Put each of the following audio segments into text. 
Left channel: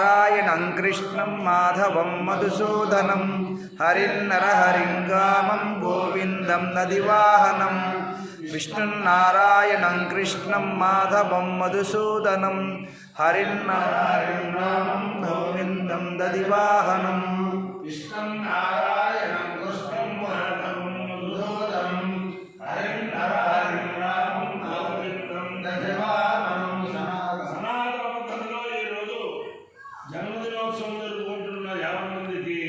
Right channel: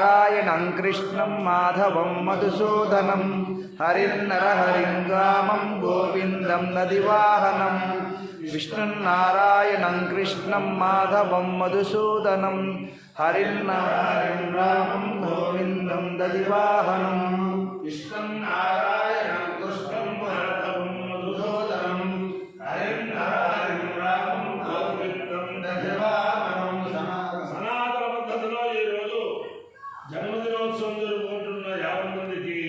నారాయణం కృష్ణం మాధవం మధుసూదనం హరిన్నరహరింగామం గోవిందం నదివాహనం విష్ణున్నారాయణం కృష్ణం మాధవం మధుసూదనం హరిన్నరహరింగామం గోవిందం నదివాహనం విష్ణున్నారాయణం కృష్ణం మాధవం మధుసూదనం హరిన్నరహరింగామం గోవిందం నదివాహనం. సనాతన పద్ధతిలో ఈరోజు జన్మదినోత్సవం జరుపుకుంటున్న 50 మందికి,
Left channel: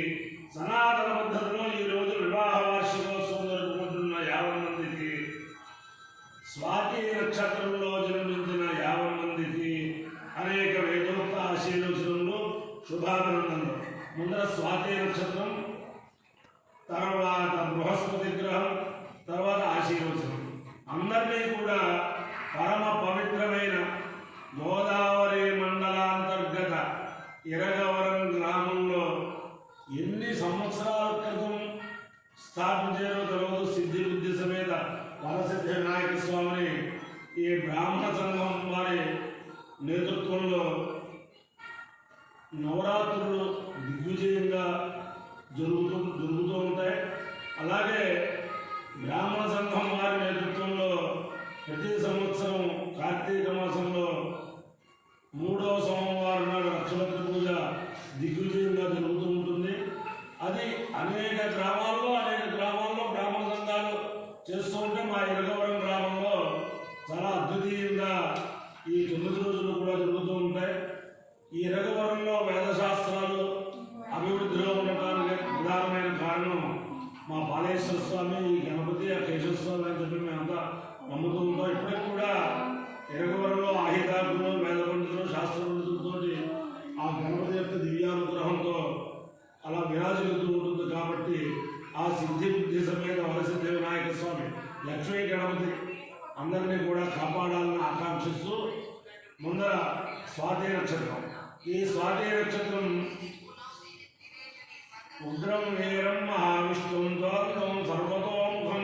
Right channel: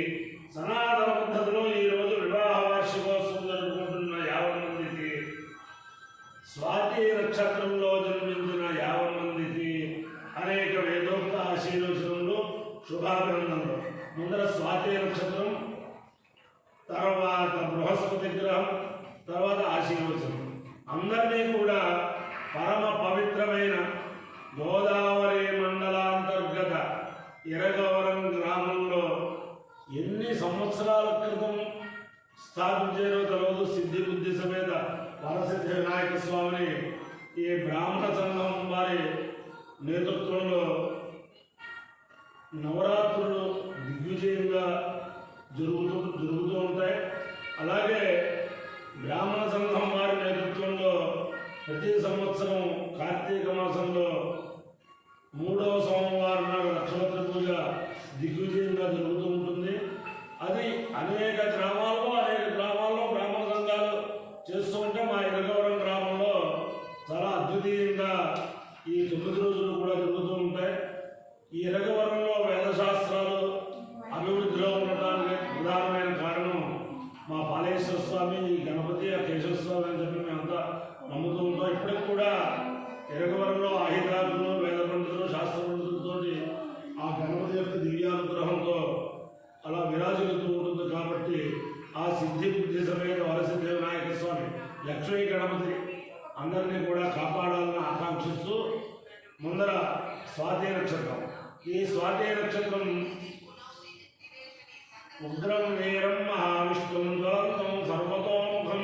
సనాతన పద్ధతిలో ఈరోజు వివాహ వార్షికోత్సవం జరుపుకుంటున్న 50 మందికి, స్వాతి నక్షత్రంలో జన్మించిన 50 మందికి అనేక వేదోక్త ఆశీర్వచనలు, శుభాభినందనలు. ముందర స్వాతి నక్షత్రం, తర్వాత బృహస్పతి గ్రహం, తర్వాత ఆశీర్వచనం. అందరినీ కూడా పరమ పవిత్రమైన గోదావరి మండలాంతర్గత ఇరగవరం గ్రామంలో ఎన్ని సంవత్సరాల క్రితం స్థాపించారో తెలియదు. సిద్ధి బుద్ధి సమేత వరసిద్ధి వినాయక స్వామిని ఈ బ్రాహ్మణ సంఘం వారి నేతృత్వంలో నవరాత్రులు దిగ్విజయంగా జరుగుతూ ఉంటాయి. అలాగే బ్రాహ్మణ సంఘం వారి నేతృత్వంలో ప్రతి సంవత్సరం కార్తీక మాసంలో 3వ సోమవారం నాడు లక్షపత్రి పూజ దిగ్విజయంగా జరుగుతూ ఉంటుంది. అది అనేక గ్రామాల్లో బ్రాహ్మణ సంఘాలు చేస్తూ ఉంటే మా ఇరగవరం గ్రామంలో చాలా అద్వితీయంగా ఈ 9 రోజులు కూడా జరుగుతూ ఉంటాయి. ఈ ఇరగవరంలో వేదశాస్త్రాలు అభివృద్ధిలో ఉండటానికి ప్రధానమైన కారణం మా బాలేశ్వర స్వామి, ఈ గణపతి, ఆ కేశవ స్వామి అని చెప్పి మేమంతా నమ్ముతూ ఉంటాం. ఇప్పటికి కూడా ఇరగవరంలో ఆహితాకులు, వేద పండితులు, శాస్త్ర పండితులతో ఆ గణపతి యొక్క దివ్యానుగ్రహంతో అలా విరాజిల్లుతూ ఉంటుంది. కాబట్టి ఆ సిద్ధి బుద్ధి సమేత వరసిద్ధి వినాయక స్వామి, లక్ష్మీ గణపతి అందరినీ కూడా కాపాడాలని ఆకాంక్షిస్తూ ముందర స్వాతి నక్షత్రం. ఈ స్వాతి నక్షత్రం ఉగ్రం వీరం మహావిష్ణుం జ్వాలం సర్వతోముఖం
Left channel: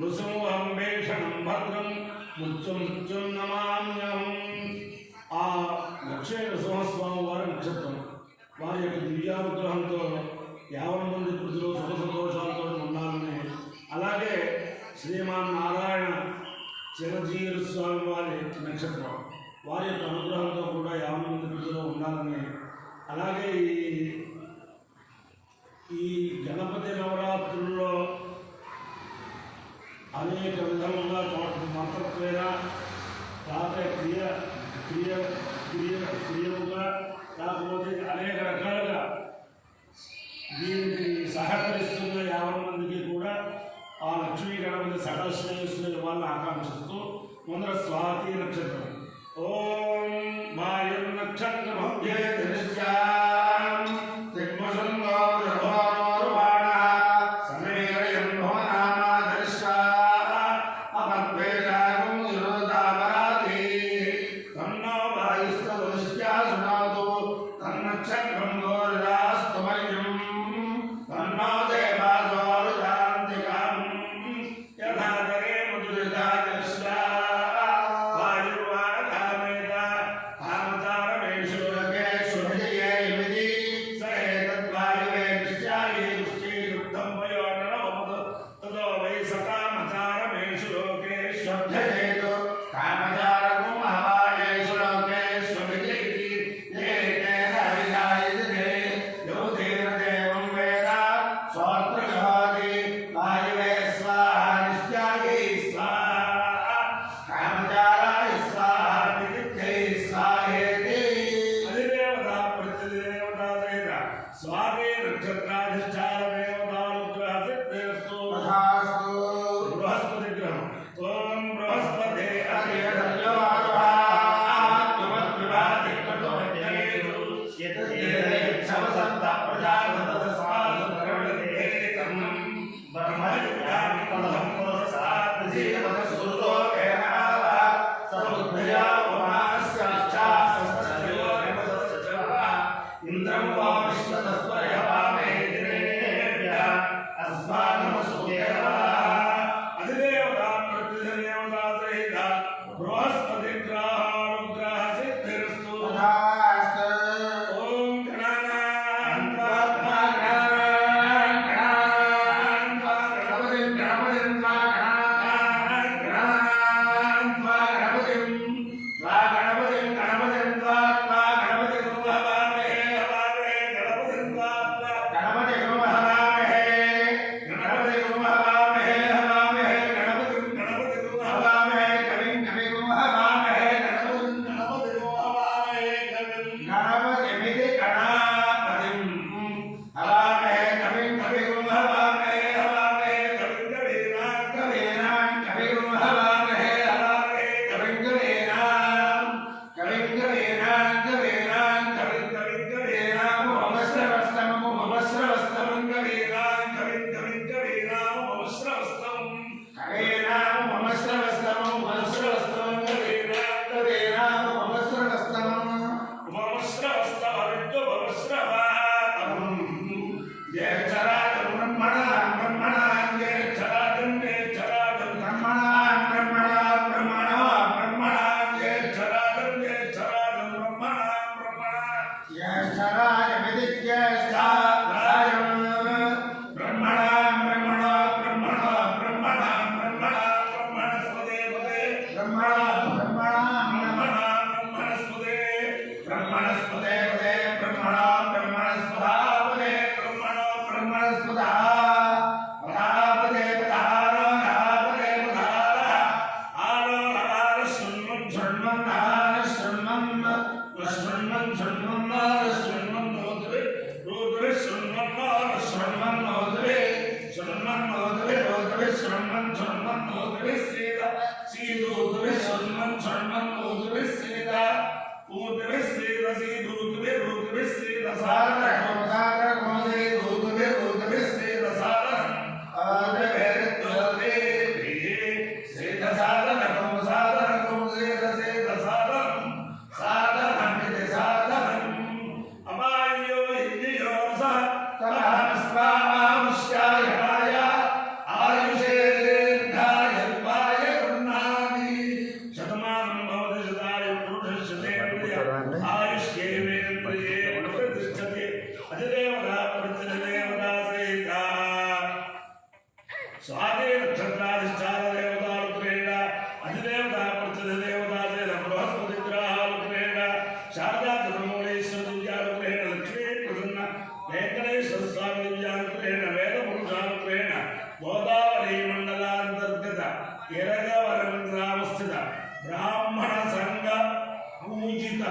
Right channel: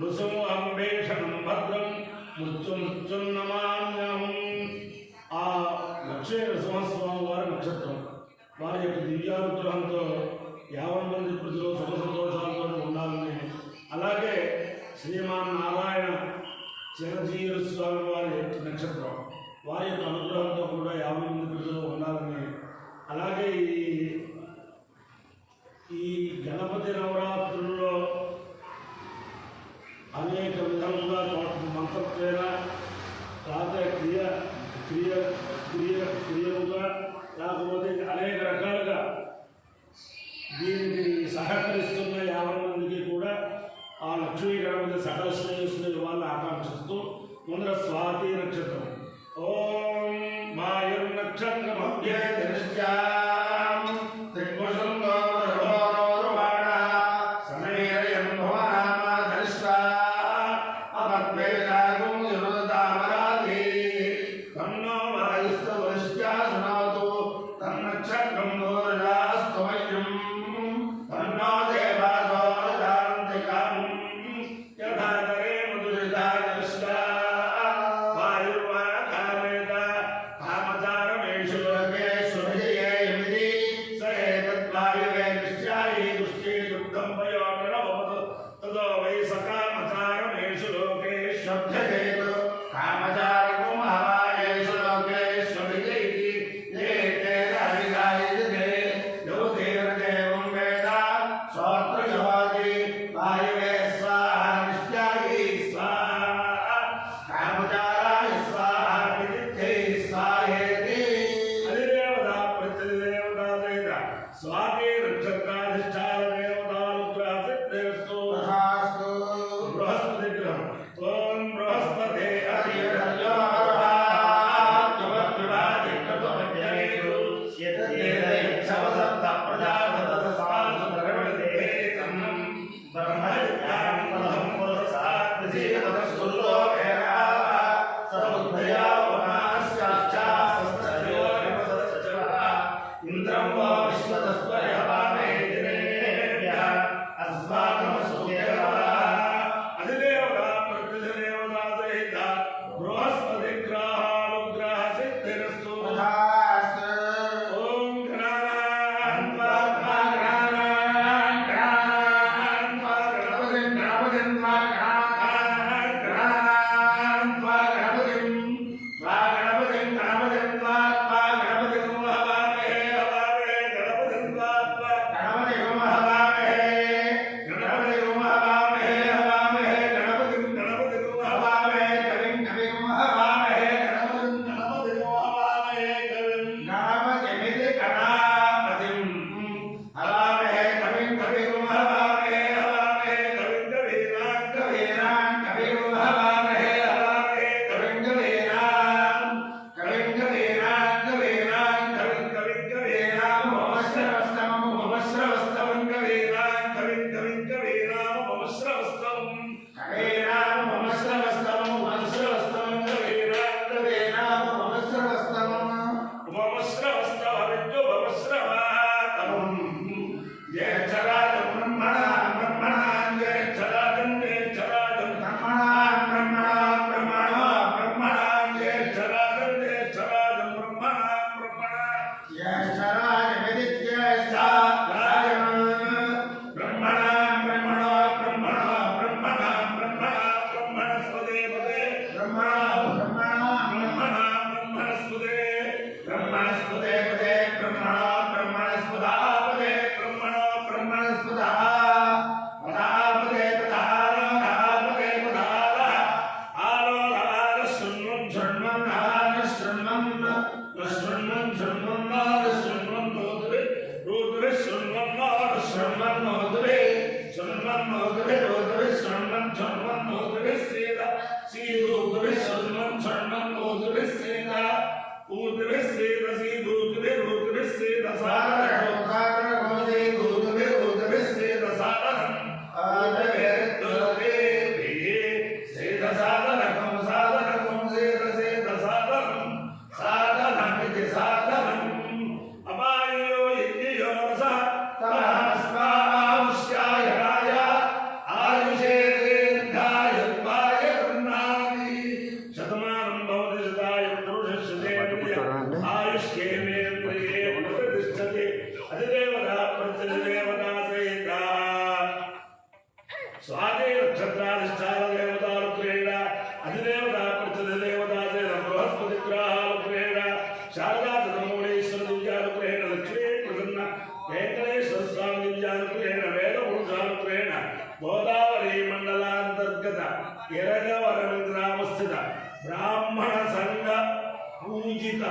నృసింహం భీషణం భద్రం మృత్యున్నమామ్యహం. ఆ లక్ష్మీ నరసింహస్వామి వారి నక్షత్రం, వారి యొక్క దివ్యానుగ్రహంతో 50 మంది కృతిలో సుఖ సంతోషాలతో ఉండాలని, అలాగే శ్రీమాన్ నారాయణ చిరంజీవి స్వామి వారి నక్షత్రం, వారి యొక్క అనుగ్రహంతో కూడా 50 మంది కృతిలో ఉండాలని, అలాగే ఈ గణపతి నవరాత్రుల్లో అనేక విధముగా మంత్రత్వేన రాత క్రియలుగా కాకపోతే అనేక రకాలుగా దీనికి సహకరిస్తున్న 50 మందికి కూడా ఆ లక్ష్మీ గణపతి సకల శ్రేయస్సులు ఇవ్వాలని ఆకాంక్షిస్తూ ముందర స్వాతి నక్షత్రం. ఓం మాయం నక్షత్రమభ్యే దృశ్యాం దిగ్మసంగో ధర్మోర్వాణ సమేయం భవనామ దర్శా అమద్వేదాగం యురోదామరాది తన్నో వాయుస్తవశ్చా సునాతు తన్నక్షత్రం గోర్యాస్తమయం తన్నో దేవాసోరుదాంతికం యథాదరే మధురిదాదర్శా వాయుర్వాకామేత కామచారమేషు లోకేషు విజయేమిది సహేతద్వాయువే దృశ్యాయి దృష్టియుక్తం వయోటరవతు తదో వై సకామచారమేషు లోకేష్వభ్యజేతు కామచారకం మహాయేషు లోకేషు విజయతి ఏకేన విజాయతే యోధీర్దేవం వేద స్వాత్రజోతి వాయువే స్వాహ నిశ్చాయి స్వాహ కామచారాయ స్వాహ విదిత్యై స్వాహేతి. అధిదేవతా ప్రతిదేవతా సహిత స్వాతి నక్షత్రాధిష్టాన దేవతానుగ్రహ సిద్ధిరస్తు. బృహస్పతి గ్రహం. ఓం బృహస్పతే ఇంద్రం వా విశ్వతస్వయ వామే దినేభ్యః అస్మాకమస్తు దేవతా. అధిదేవతా ప్రతిదేవతా సహిత బృహస్పతి గ్రహానుగ్రహ సిద్ధిరస్తు. ఓం श्रवातमं ज्येष्ठराजं ब्रह्मणां ब्रह्मणां ज्येष्ठराजं ज्येष्ठराजं ब्रह्मणां ब्रह्मणां ब्रह्मणां ब्रह्मणां ज्येष्ठराजं ज्येष्ठराजं ब्रह्मणां ब्रह्मणां ज्येष्ठराजं ब्रह्मणां ब्रह्मणां ब्रह्मणां ब्रह्मणां ब्रह्मणां ब्रह्मणस्पदे पदे ब्रह्मणां ब्रह्मणां ब्रह्मणां ब्रह्मणस्पदे ब्रह्मणस्पदे पदे ब्रह्मणां ब्रह्मणस्पदा पदे ब्रह्मणां ब्रह्मणस्पदा पदापदे पदापदे पदार आलोलार शृण्वं शृण्वं नार शृण्वं शृण्वं शृण्वं नार शृण्वं नोदरे रोदरे शृण्वं नार शृण्वं नोदरे शृण्वं नोदरे रोदरे शृण्वं शृण्वं नोदरे सीता सीदोदरे शृण्वं शृण्वं नोदरे सीता ऊदरे सीता सीदोदरे रोदरे सीता सागर सागर गोदे रोदरे रोदरे सीता सागर आदरे रोदरे सीता सागर सागर गोदे सीता सागर सागर मिते सागर अपायो इन्द्रियो रसा तमस्वाश्याय आयुषे दीर्घाय उपाय गृह्णाति शतमानं भवति शताय पुरुषस्य आयुष्येन्द्रिये प्रतिष्ठते अधिदेवता प्रतिदेवता सहिता स्वादे नक्षत्राधिष्ठान देवता रुद्रेण अधिदेवता प्रतिदेवता सहित बृहस्पति ग्रह रुद्रेण शारदा तदमूलेश्वर दिव्या रुद्रेण लक्ष्मी प्रसन्न वेंकटेश्वर स्वामी दिव्या रुद्रेण वेद पुरुषारुद्रेण गोदावरी मंडलांतर्गत यरगवरम ग्रामस्थित ब्राह्मण संघ पूजित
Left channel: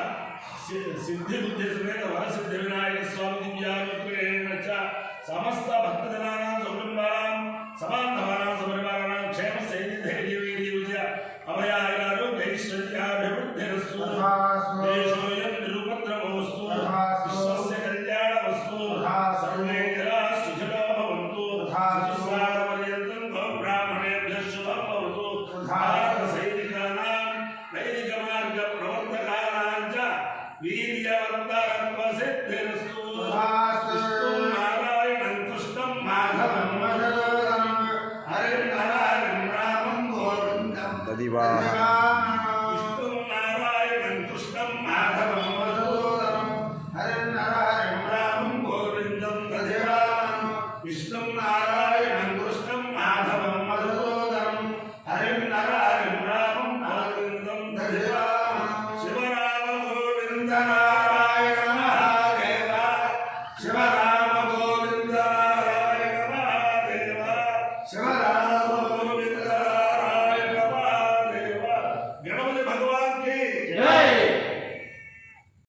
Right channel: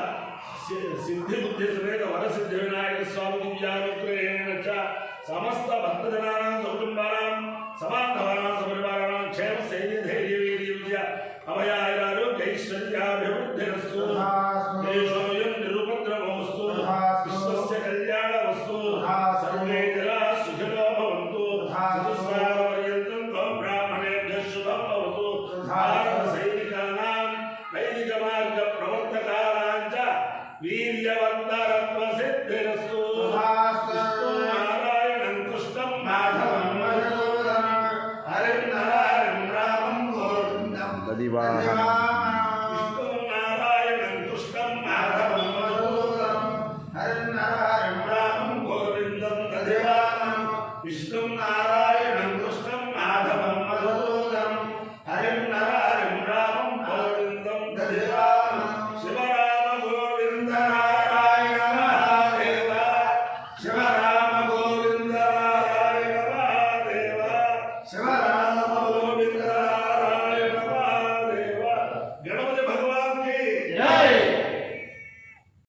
सिद्धि बुद्धि समेत वर सिद्धि विनायक स्वामी दिव्या रुद्रेण च समस्त भक्तजनानां सकुटुंबानां समान्तवानां सपरिवाराणां क्षेम स्थैर्य धैर्य वीर्य विजय अभयारोग्य ऐश्वर्याभिवृद्धिरस्तु देशोऽयं निरुपद्रवोऽस्तु विश्वस्य कल्याणमस्तु सर्वे जनाः सुखिनो भवन्तु चतुस्सागरपर्यन्तं गो ब्राह्मणेभ्यः शुभं भवतु भारतसैनिकानां वैदिकमार्गप्रवर्तकानां च वीर्यवर्धनत्वसिद्धिरस्तु नारायणं कृष्णं माधवं मधुसूदनं हरिं रामं गोविन्दं ददिवाहनं विष्णुं नारायणं कृष्णं माधवं मधुसूदनं हरिं रामं गोविन्दं दधिवाहनं विष्णुं